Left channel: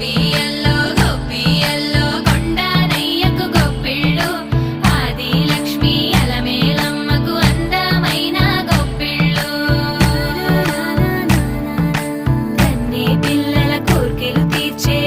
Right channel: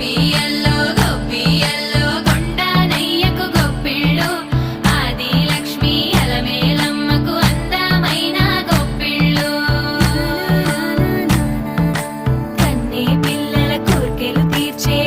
గొప్పియల్లో గొప్పియల్లో కొండానయ్యకు గొప్పిళ్ళు ఆది లక్ష్మి అలమేలమ్మకు అందమైన గొప్పిళ్ళు కన్నే పిల్లల కోర్కెలు తీర్చే